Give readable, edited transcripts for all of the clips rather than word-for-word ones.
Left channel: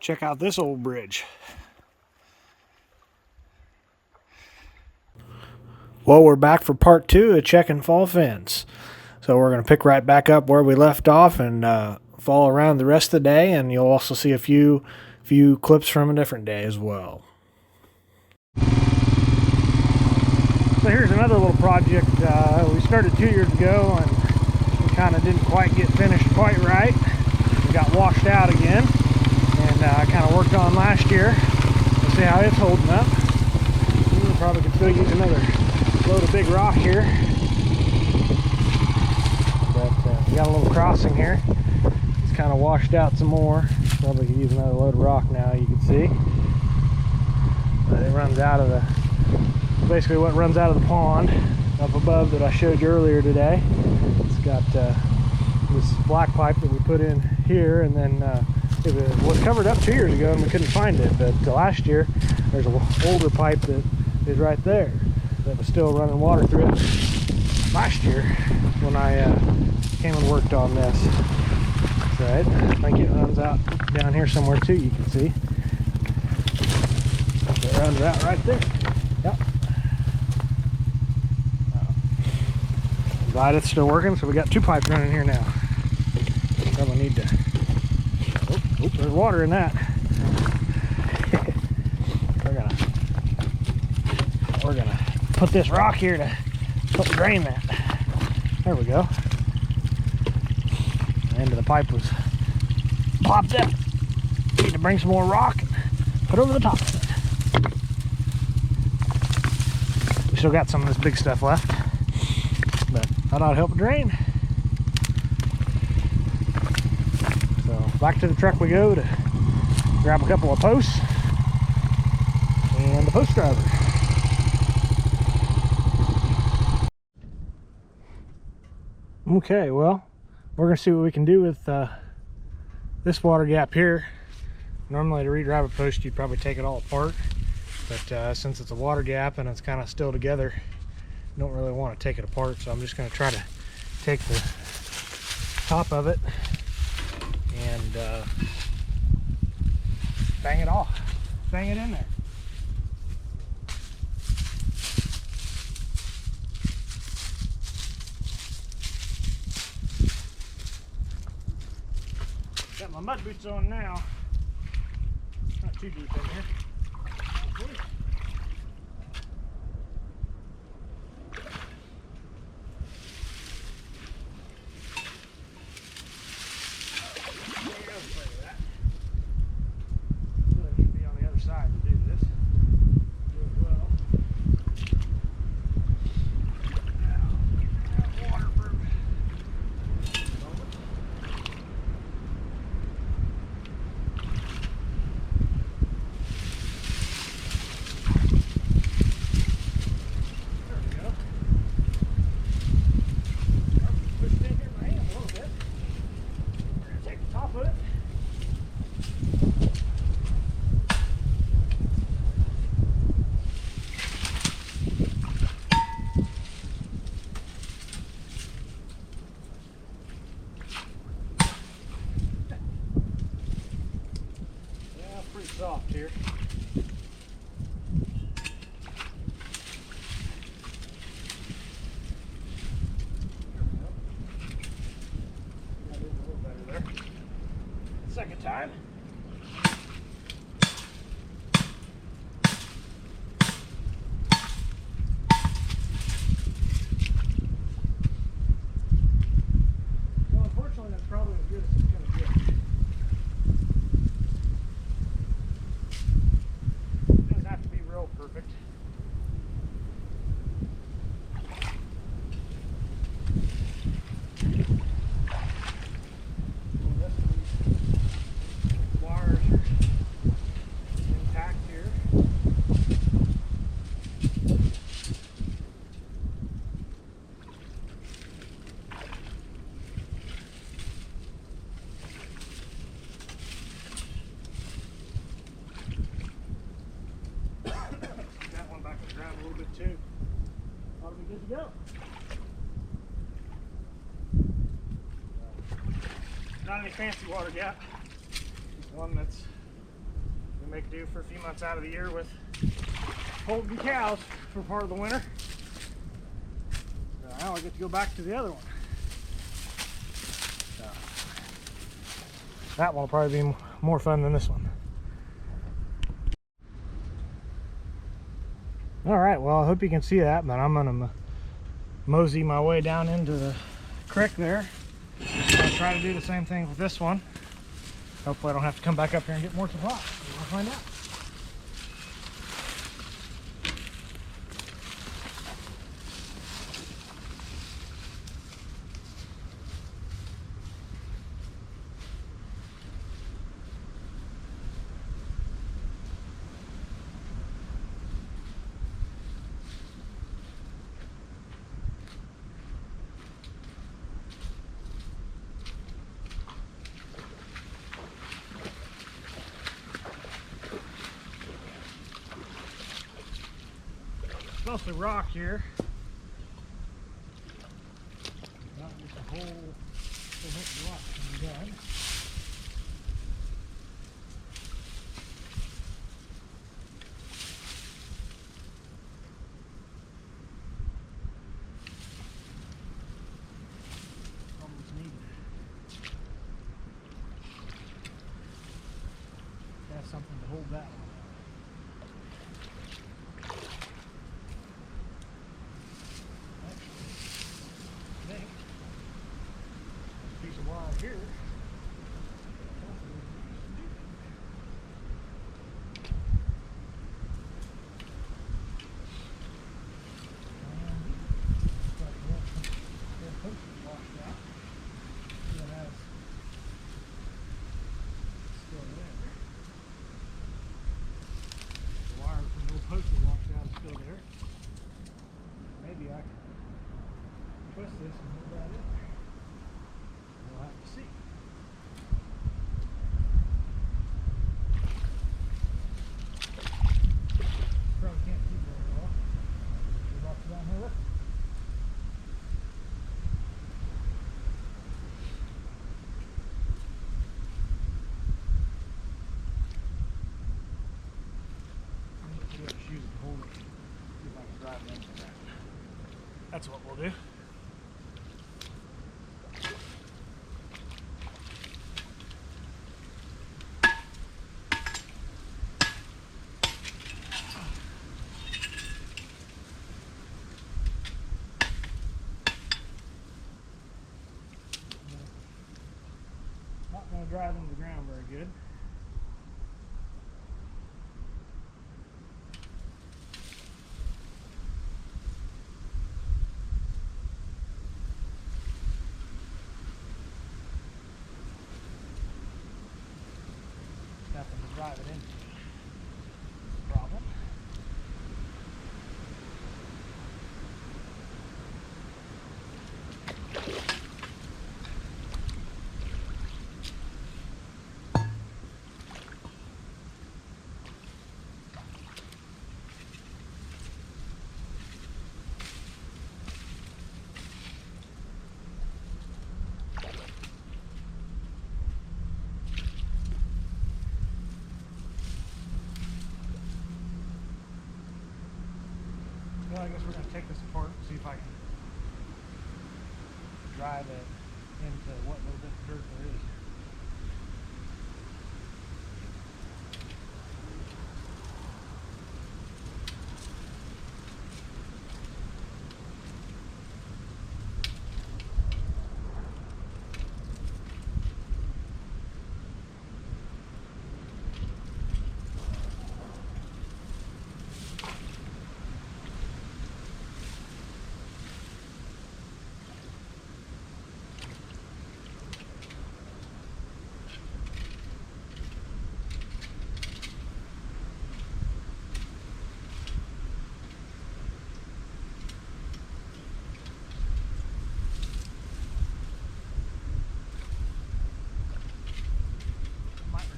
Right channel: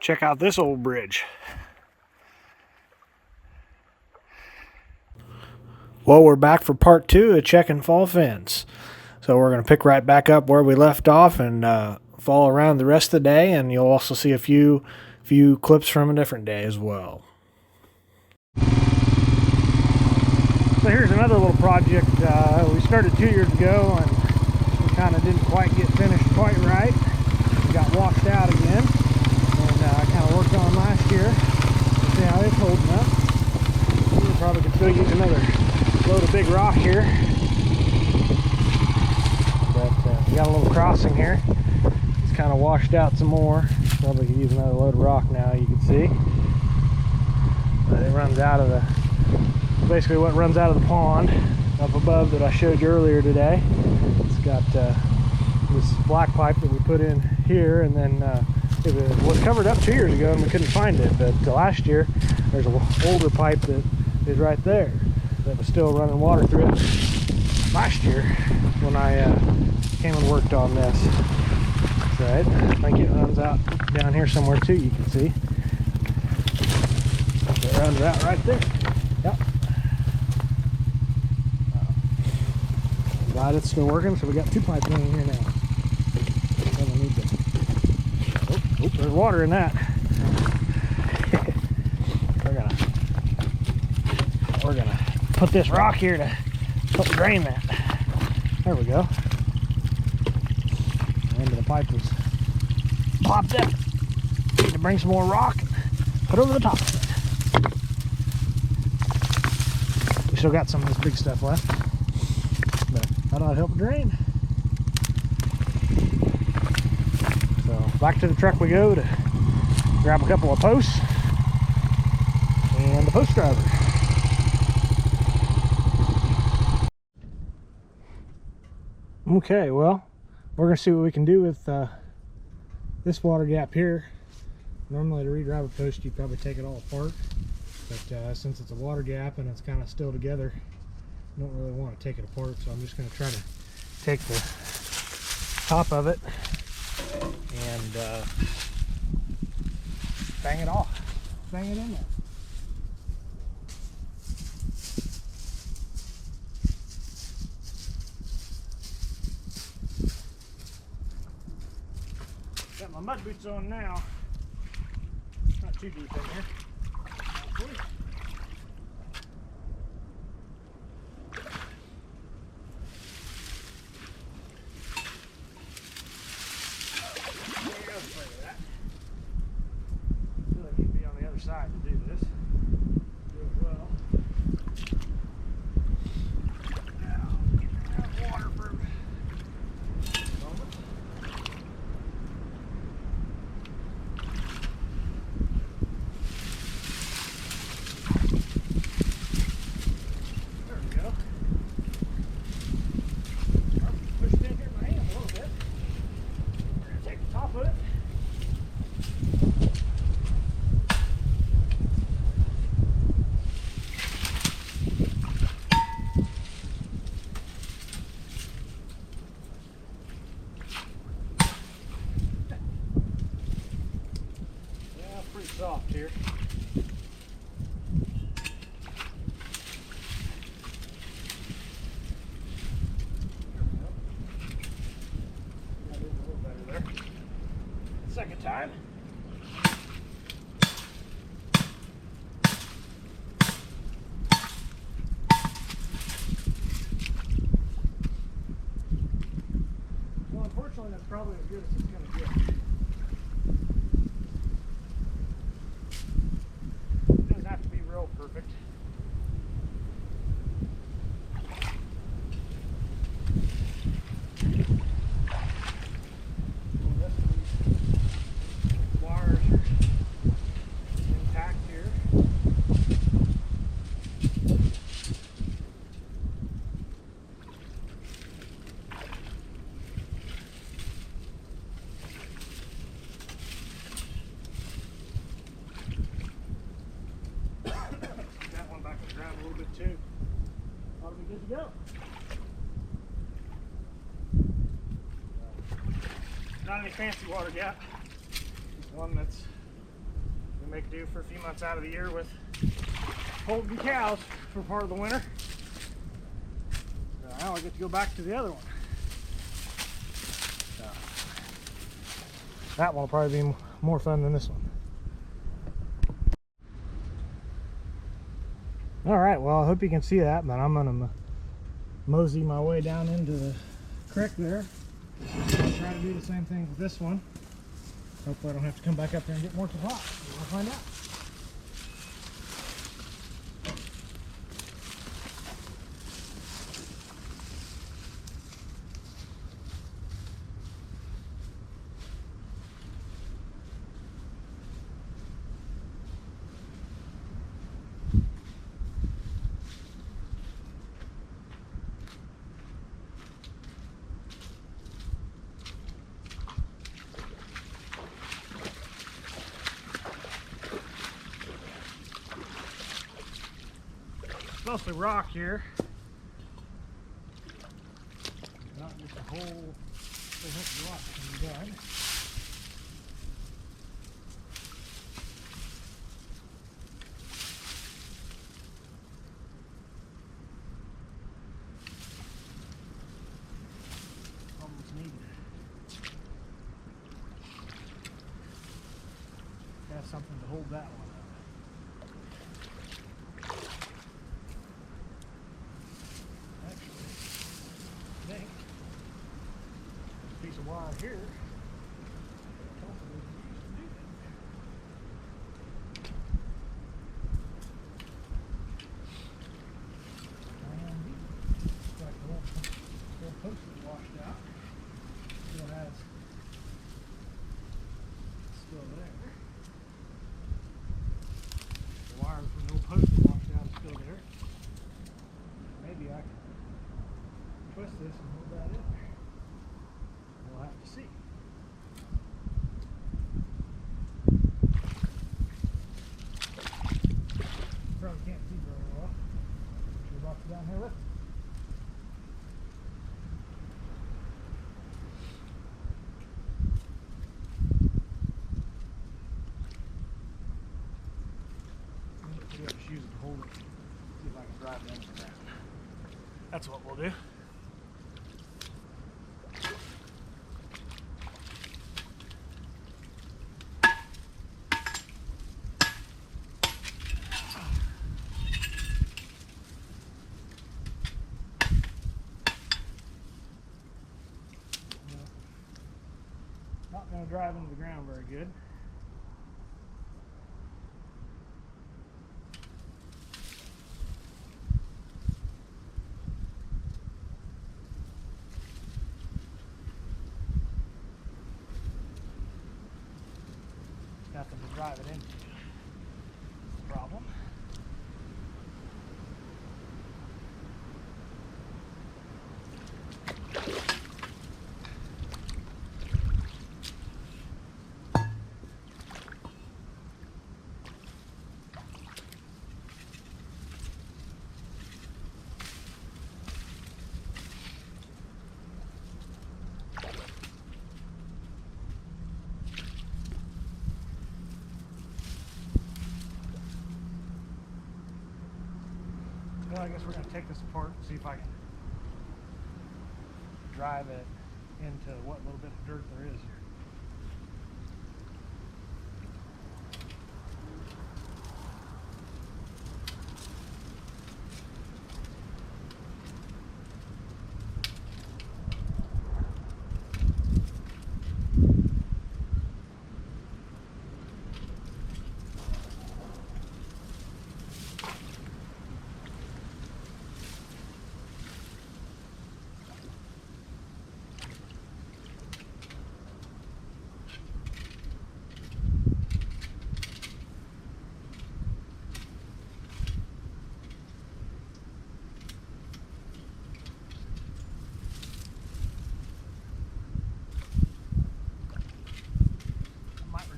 Check out this old bridge. Well, we're back for part 2 of checking fall fence. So we're going to pick right back up where we left off and follow around the rest of the day, and you'll also see a few clips from a different day as well. So here's another little project we started 2 years ago, and we kind of didn't quite get finished quite right. We got washed out again, and I kind of worked on last year. Let's see how it's holding up. We probably could still use another load of big rock here, but we got a little crossing here. It's kind of washed out some more. Probably could use another load of rock now, you can see. But it runs out of basically what runs out of the pond up above that I showed you earlier today. It's got this black pipe that we put in here, and then it was covered up 2 years ago and we couldn't find it, but last year there's an older pipe that is right there that was still running water through it last year when I came and worked on this. Right, I think it runs out down here somewhere too, you can see. It runs out right there. Yep. Glad it's still working, so we got 2 pipes running here now. Probably need to. Oh, there's water in that. We're gonna put this rock here to help drain that. There we go. The end of the pipe was popped up. Need to bring some more rock, put over the top of it. We still got some of this big stuff left, but I thought it'd help it drain. So back to the truck we go to grab a couple of posts and the post driver. Okay, well, we're going to see what we can do with this water gap here. Normally to redrive a post you'd probably take it all apart, but since it's a water gap and it's kind of still together, I don't really want to take it apart, so I'm just going to try to take the top of it and bang it off, bang it in there. Got my mud boots on now. Not too deep in here. Really need to be on the other side to do this. Do it well. Now, waterproof. Soft here. Got it a little better there. Second time. Well, unfortunately, that's probably as good as it's going to get. Real perfect. Wires are intact here. Grab a little bit too. Ought to be good to go. Not any fancy water gap. Just one that's make do for a few months out of the year with holding cows for part of the winter. So now I get to go back to the other one. So that one will probably be more fun than this one. Alright, well I hope you can see that, but I'm going to mosey my way down into the creek there. I'll try to do the same thing with this one. Hopefully I don't have to come back up here and get more supplies. We'll find out. Mostly rock here, not just a whole bunch of rock can be done. Almost needed. Got something to hold that one. Piece of wire here. Washed out. So that's still there. The wire from the old post was washed out is still there. Maybe I can twist this and hold that in there. We'll have to see. Probably can't see very well. We're about to down here with it. See what shoes to hold it. See if I can drive it into that. That's what we'll do. Not going to drive into the ground very good. Nothing to drive it into. Problem. Well, I guess we're going to take this apart and see if I can drive it into what little bit of dirt there is here.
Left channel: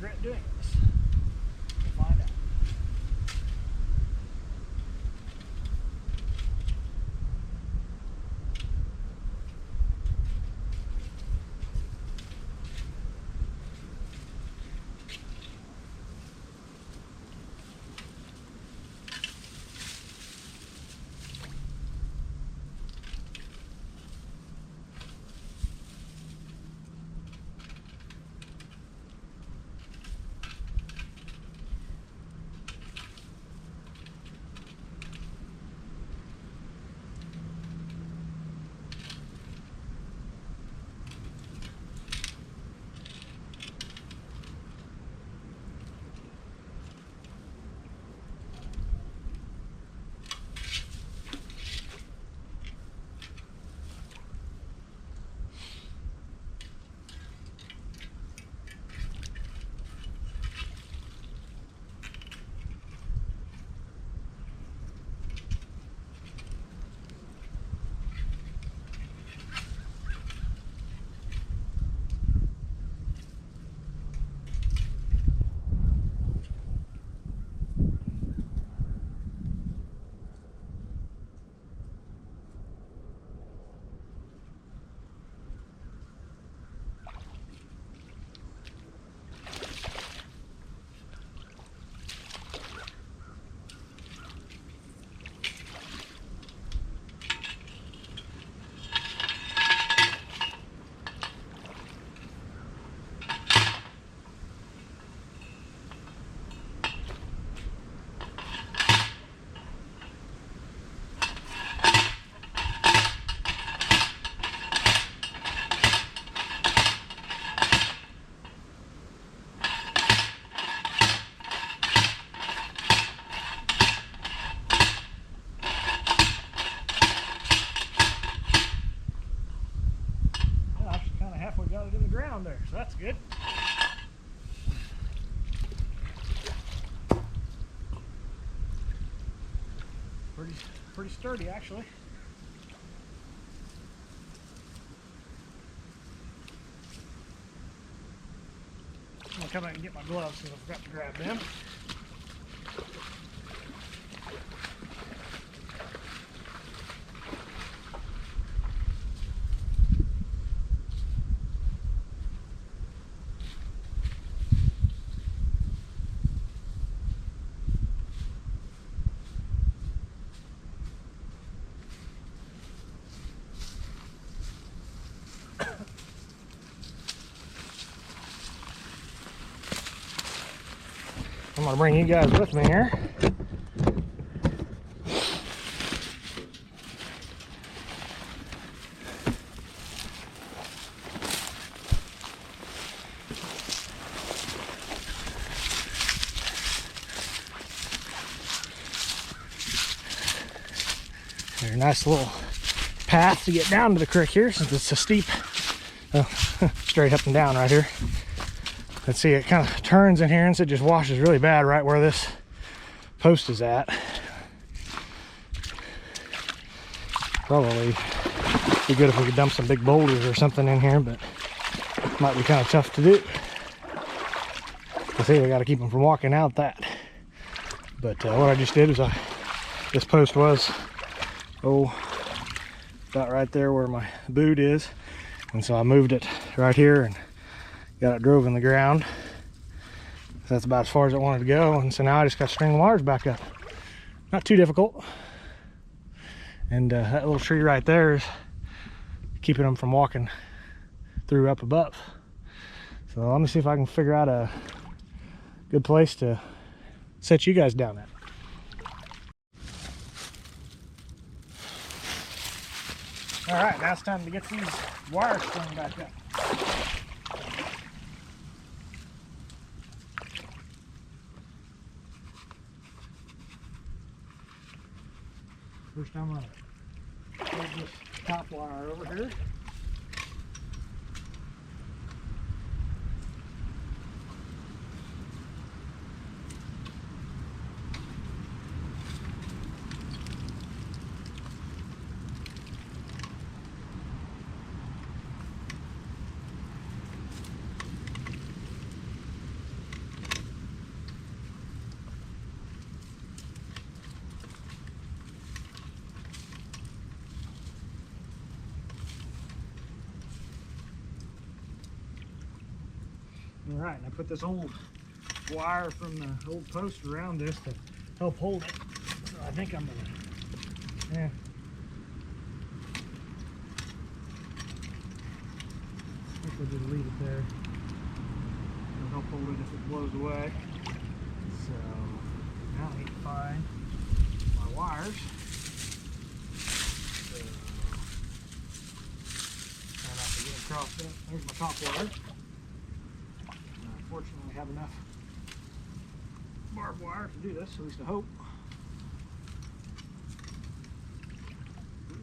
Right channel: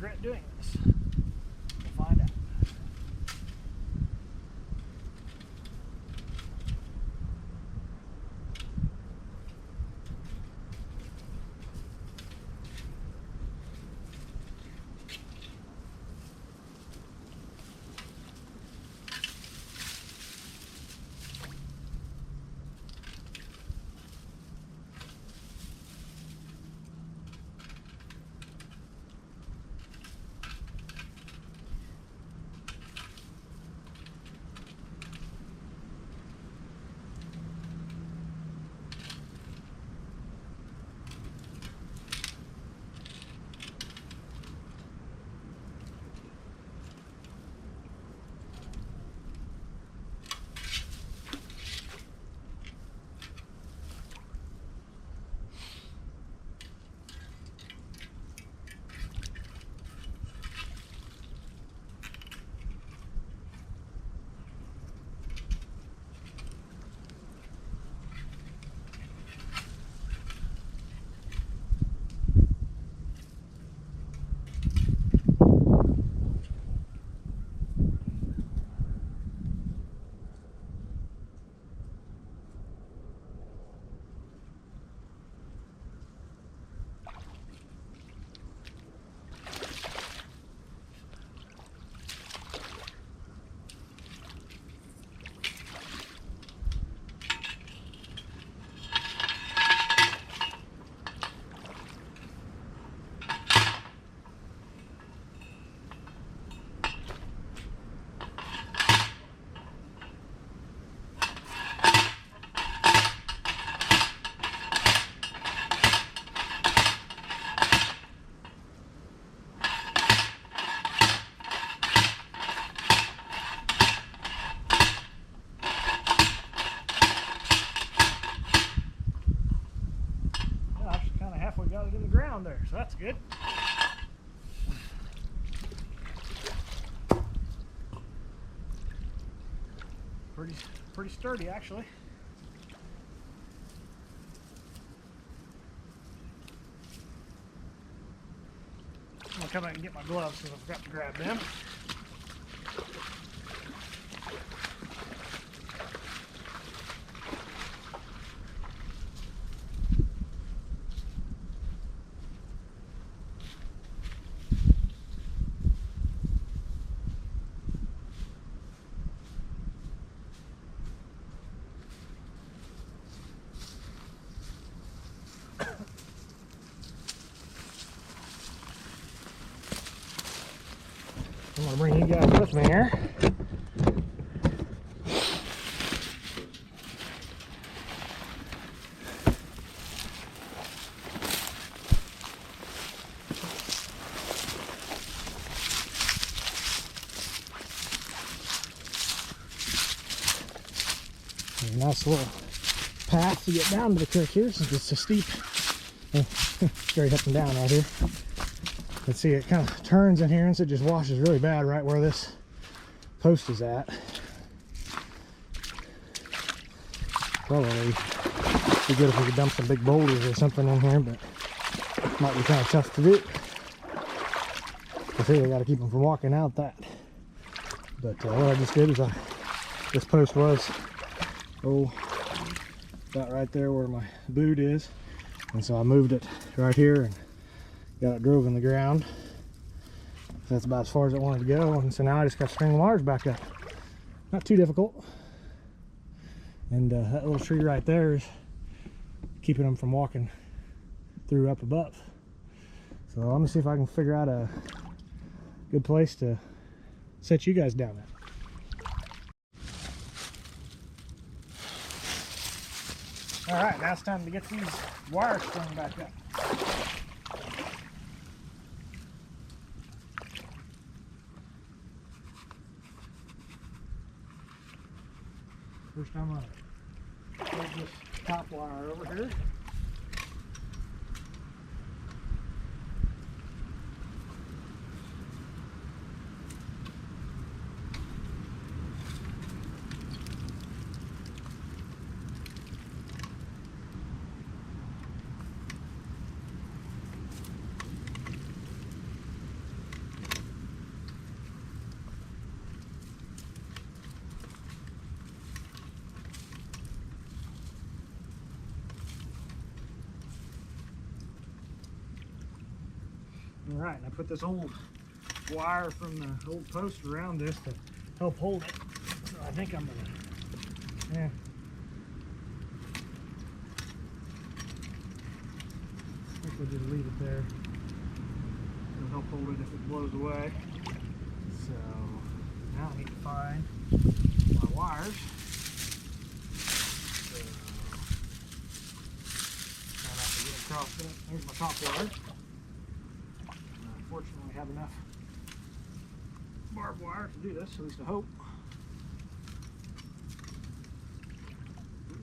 Regret doing this. We'll find out. pretty sturdy actually. I'm gonna come out and get my gloves because I forgot to grab them. I'm gonna bring you guys with me here. There's a nice little path to get down to the creek here since it's so steep. Oh, straight up and down right here. Let's see, it kind of turns in here and so it just washes really bad right where this post is at. Probably be good if we could dump some big boulders or something in here, but it might be kind of tough to do. I see, I got to keep them from walking out that. But what I just did is this post was, about right there where my boot is. And so I moved it right here and got it drove in the ground. That's about as far as it wanted to go. And so now I just got to string the wires back up. Not too difficult. And that little tree right there is keeping them from walking through up above. So let me see if I can figure out a good place to set you guys down at. All right, now it's time to get these wires strung back up. First I'm going to hold this top wire over here. All right, and I put this old wire from the old post around this to help hold it. So I think I'm gonna, I think we'll just leave it there. It'll help hold it if it blows away. So now I need to find my wires. So try not to get across that. There's my top wire. Fortunately, I have enough barbed wire to do this, at least I hope.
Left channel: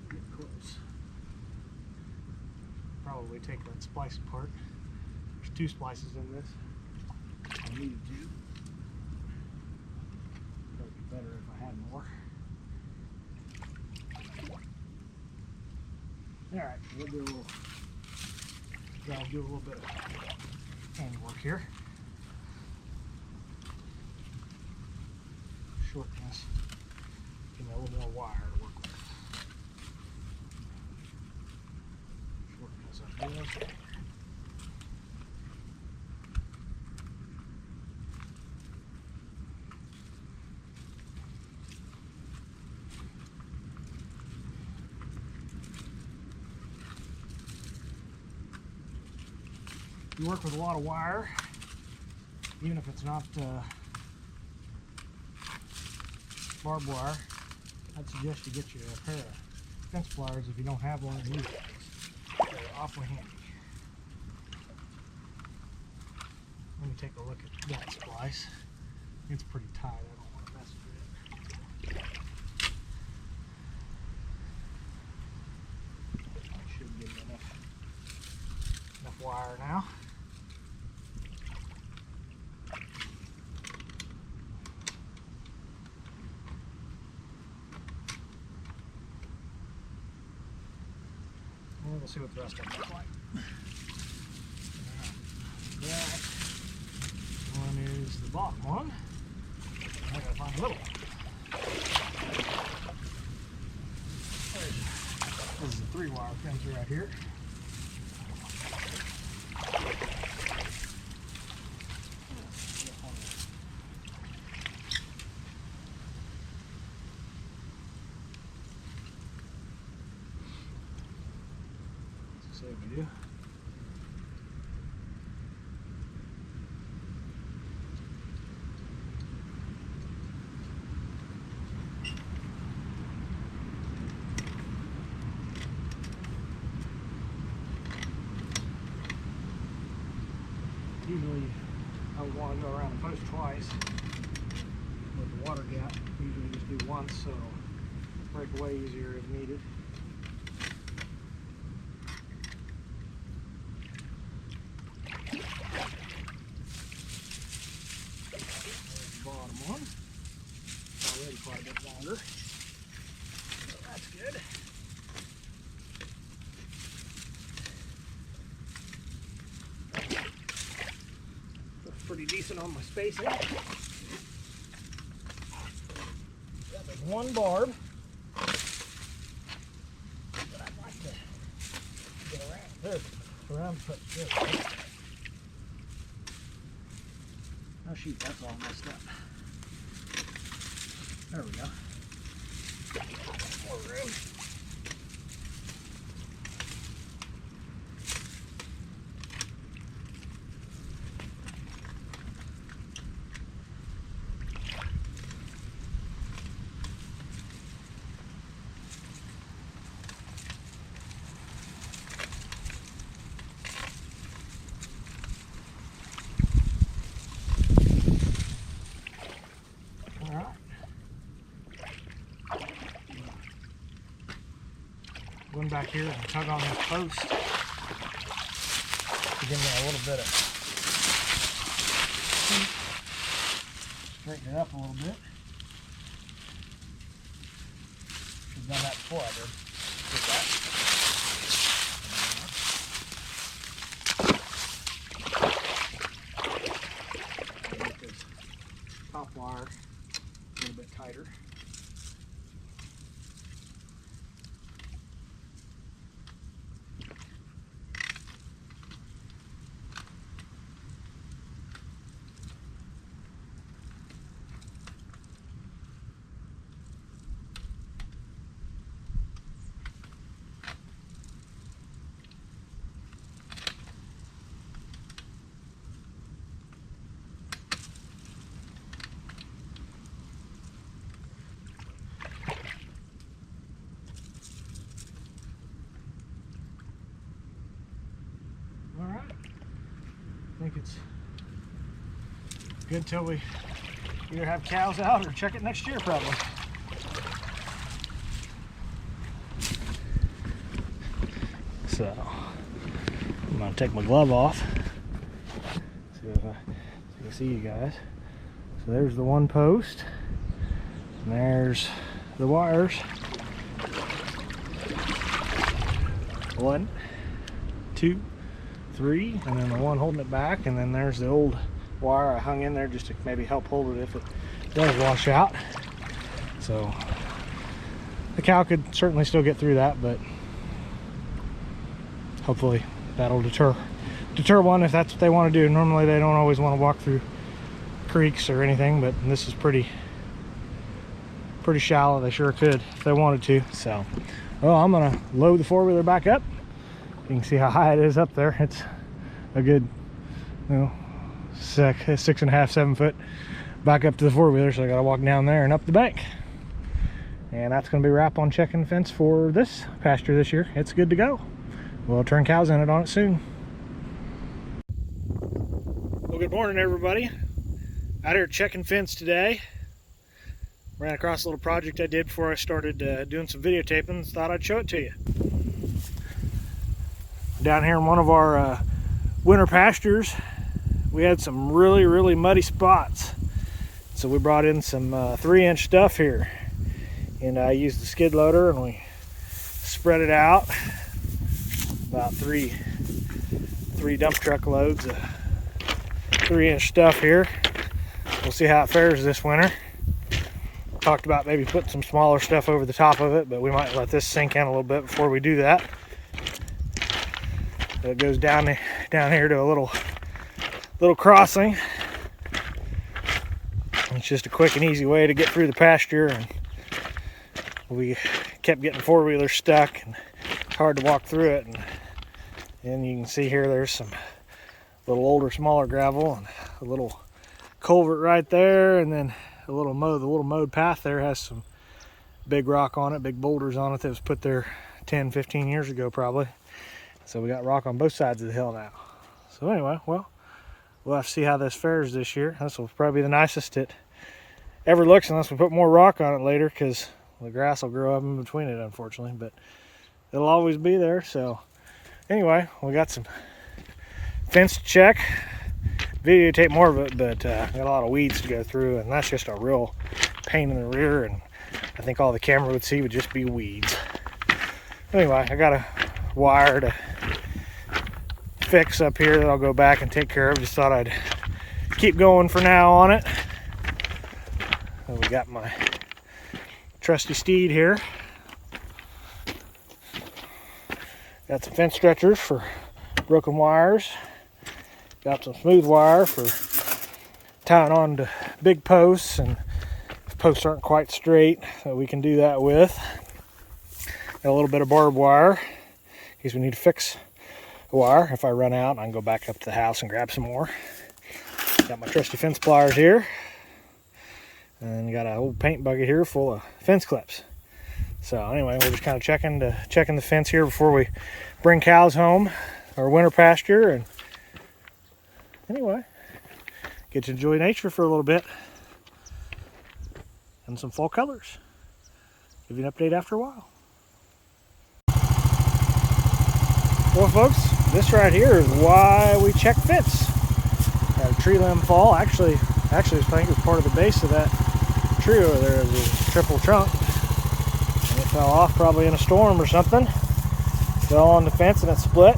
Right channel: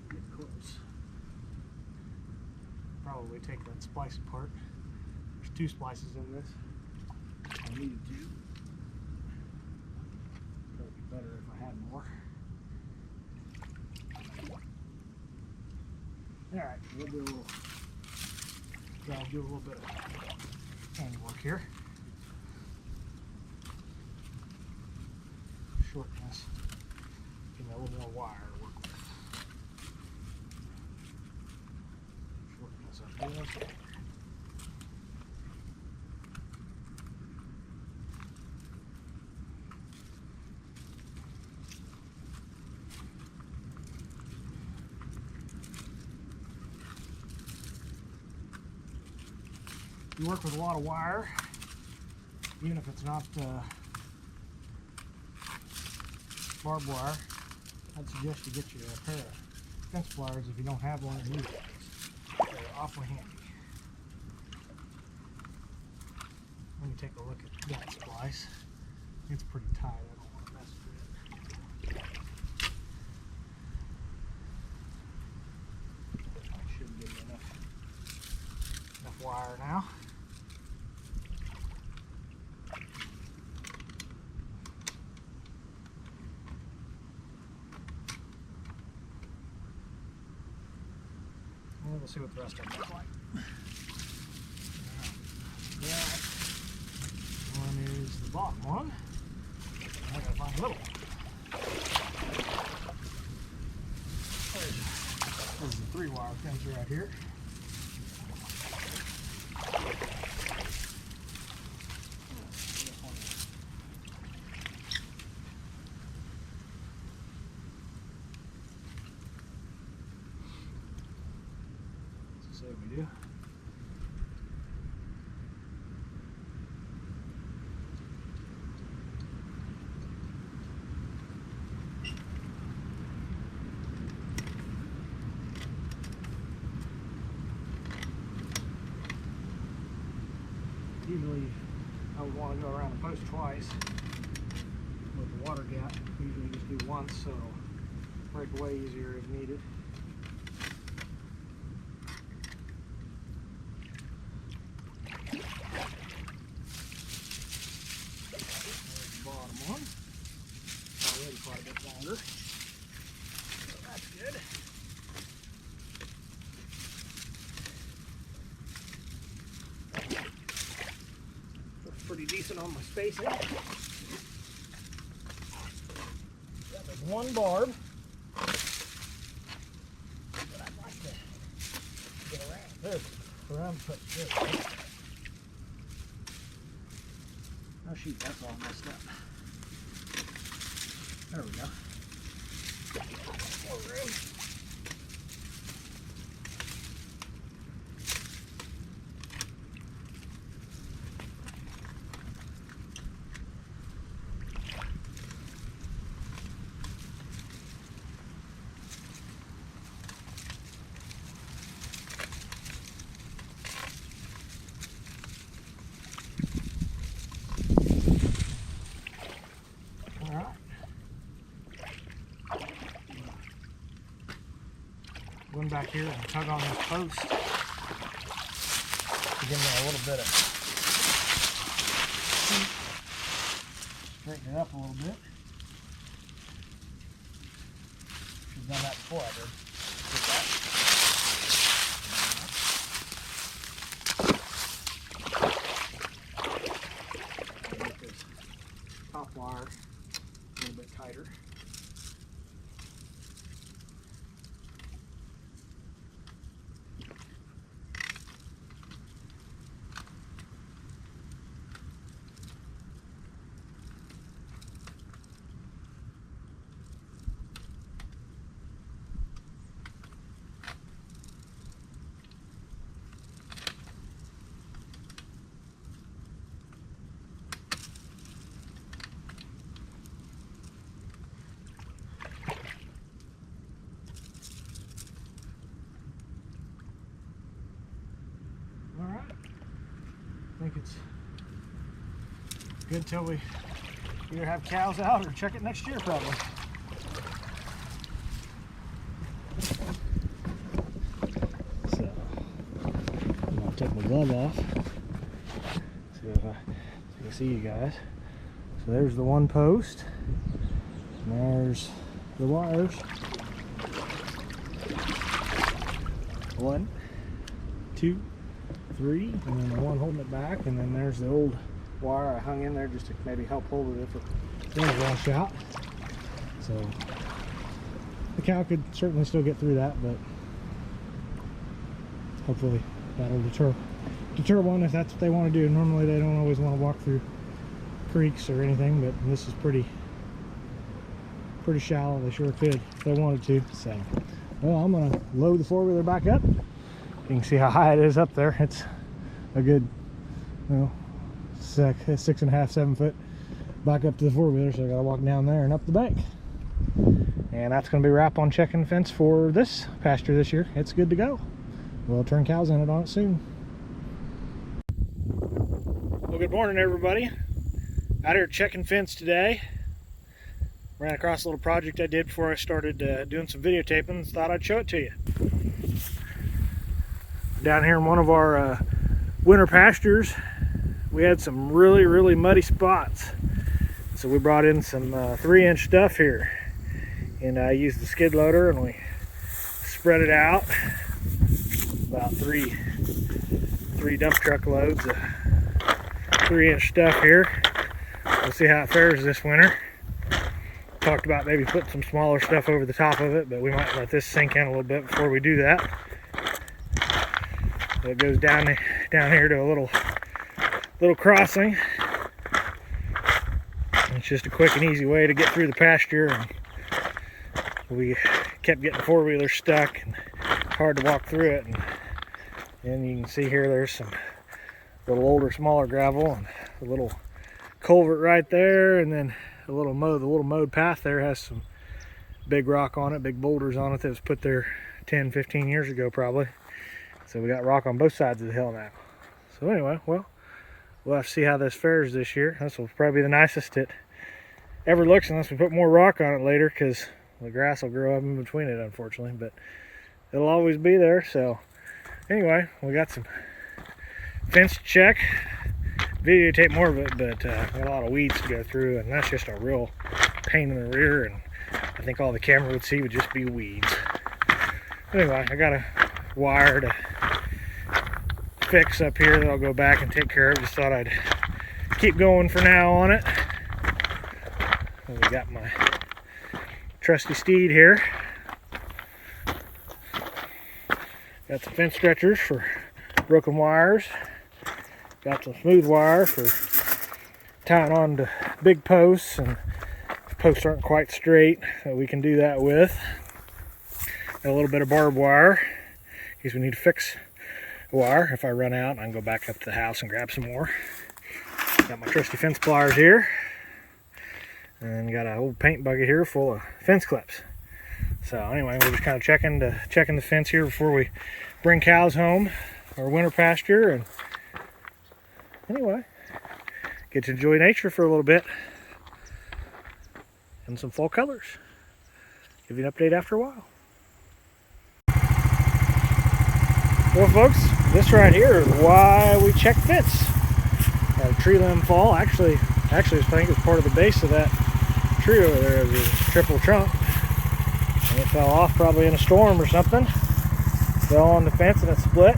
Get close. Probably take that splice apart. There's 2 splices in this. I needed 2. Probably be better if I had more. Alright, we'll do a little bit of handiwork here. Shorten this. Give me a little more wire to work with. Shorten this up good. You work with a lot of wire, even if it's not barbed wire. I'd suggest you get you a pair of fence pliers if you don't have one, and use those. They're awfully handy. Let me take a look at that splice. It's pretty tight. I don't want to mess with it. I should give me enough wire now. we'll see what the rest of them look like. That one is the bottom one. I gotta find a little one. This is a 3-wire fence right here. Let's see what we do. Usually I would want to go around the post twice with the water gap. Usually just do once so it'll break away easier if needed. There's the bottom one. Already quite a bit longer. So that's good. Pretty decent on my spacing. Yeah, there's one barb, but I'd like to get around this. Put this. Oh shoot, that's all messed up. There we go. More room. Going back here and tug on this post to give me a little bit of straighten it up a little bit. Should have done that before I did. Get this top wire a little bit tighter. Alright, I think it's good till we either have cows out or check it next year probably. So, I'm going to take my glove off see if I can see you guys. So there's the one post, and there's the wires. 1, 2, 3, and then the one holding it back, and then there's the old wire I hung in there just to maybe help hold it if it does wash out. So the cow could certainly still get through that, but hopefully that'll deter one if that's what they want to do. Normally they don't always want to walk through creeks or anything, but this is pretty shallow. They sure could if they wanted to. So, well, I'm gonna load the four-wheeler back up. You can see how high it is up there. It's a good, 6.5, 7 foot back up to the four-wheeler, so I gotta walk down there and up the bank. And that's gonna be a wrap on checking the fence for this pasture this year. It's good to go. We'll turn cows in it on it soon. Well, good morning, everybody. Out here checking fence today. Ran across a little project I did before I started doing some videotaping. Thought I'd show it to you. Down here in one of our winter pastures, we had some really muddy spots. So we brought in some 3-inch stuff here, and I used the skid loader and we spread it out about three dump truck loads of 3-inch stuff here. We'll see how it fares this winter. Talked about maybe putting some smaller stuff over the top of it, but we might let this sink in a little bit before we do that. So it goes down here to a little crossing. It's just a quick and easy way to get through the pasture, and we kept getting four-wheelers stuck and it's hard to walk through it. And you can see here there's some little older, smaller gravel and a little culvert right there, and then the little mowed path there has some big rock on it, big boulders on it that was put there 10-15 years ago probably. So we got rock on both sides of the hill now. So anyway, well, we'll have to see how this fares this year. This will probably be the nicest it ever looks, unless we put more rock on it later, because the grass will grow up in between it, unfortunately. But it'll always be there. So anyway, we got some fence to check. Videotape more of it, but got a lot of weeds to go through, and that's just a real pain in the rear, and I think all the camera would see would just be weeds. Anyway, I got a wire to fix up here that I'll go back and take care of. Just thought I'd keep going for now on it. And we got my trusty steed here. Got some fence stretchers for broken wires. Got some smooth wire for tying on to big posts, and if posts aren't quite straight, we can do that with. Got a little bit of barbed wire in case we need to fix a wire. If I run out, I can go back up to the house and grab some more. Got my trusty fence pliers here, and got an old paint bucket here full of fence clips. So anyway, we're just kind of checking the fence here before we bring cows home, our winter pasture, and anyway, get to enjoy nature for a little bit and some fall colors. Give you an update after a while. Well, folks, this right here is why we check fence. Had a tree limb fall. Actually, I think it was part of the base of that tree over there. It was a triple trunk, and it fell off probably in a storm or something. Fell on the fence and it split.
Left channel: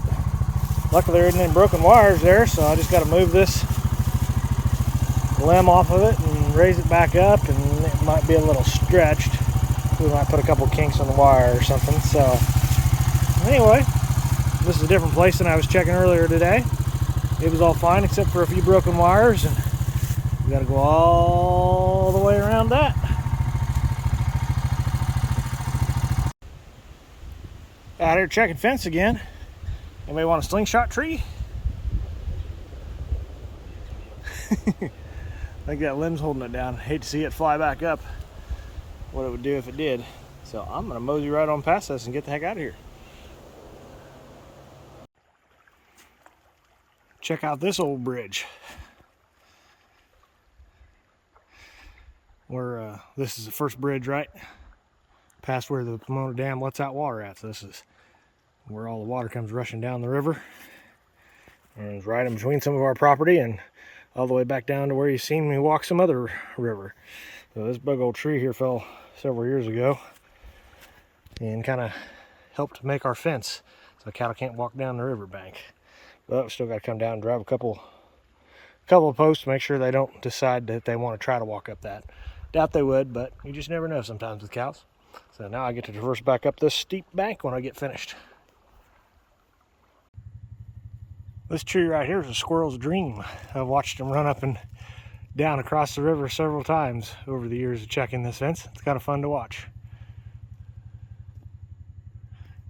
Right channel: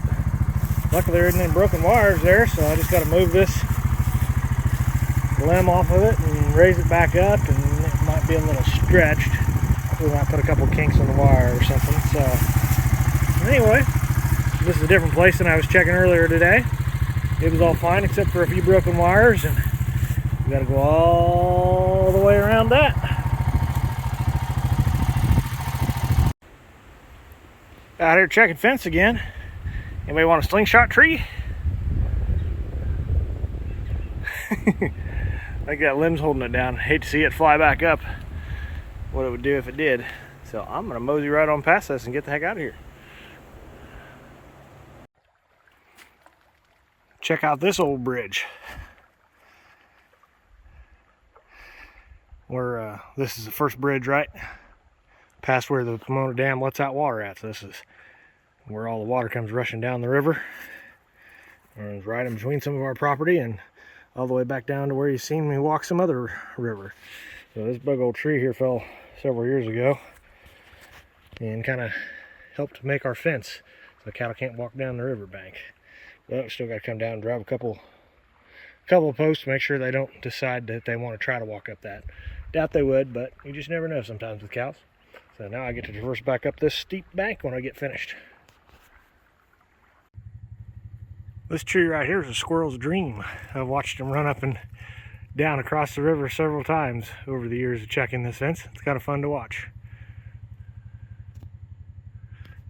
Luckily there isn't any broken wires there, so I just got to move this limb off of it and raise it back up, and it might be a little stretched. We might put a couple kinks on the wire or something. So anyway, this is a different place than I was checking earlier today. It was all fine except for a few broken wires, and we got to go all the way around that. Out here checking fence again. Anybody want a slingshot tree? I think that limb's holding it down. Hate to see it fly back up, what it would do if it did. So I'm going to mosey right on past this and get the heck out of here. Check out this old bridge. This is the first bridge right past where the Pomona Dam lets out water at. So this is where all the water comes rushing down the river. And it's right in between some of our property and all the way back down to where you've seen me walk some other river. So this big old tree here fell several years ago and kind of helped make our fence so cattle can't walk down the riverbank. But we still got to come down and drive a couple of posts to make sure they don't decide that they want to try to walk up that. Doubt they would, but you just never know sometimes with cows. So now I get to traverse back up this steep bank when I get finished. This tree right here is a squirrel's dream. I've watched them run up and down across the river several times over the years of checking this fence. It's kind of fun to watch.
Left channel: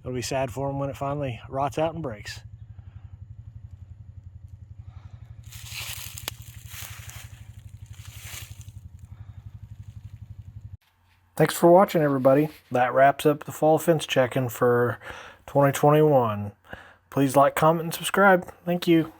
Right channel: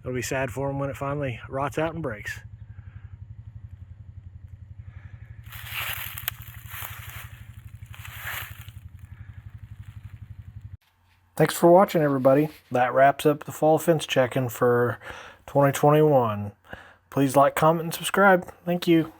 It'll be sad for them when it finally rots out and breaks. Thanks for watching, everybody. That wraps up the fall fence checking for 2021. Please like, comment, and subscribe. Thank you.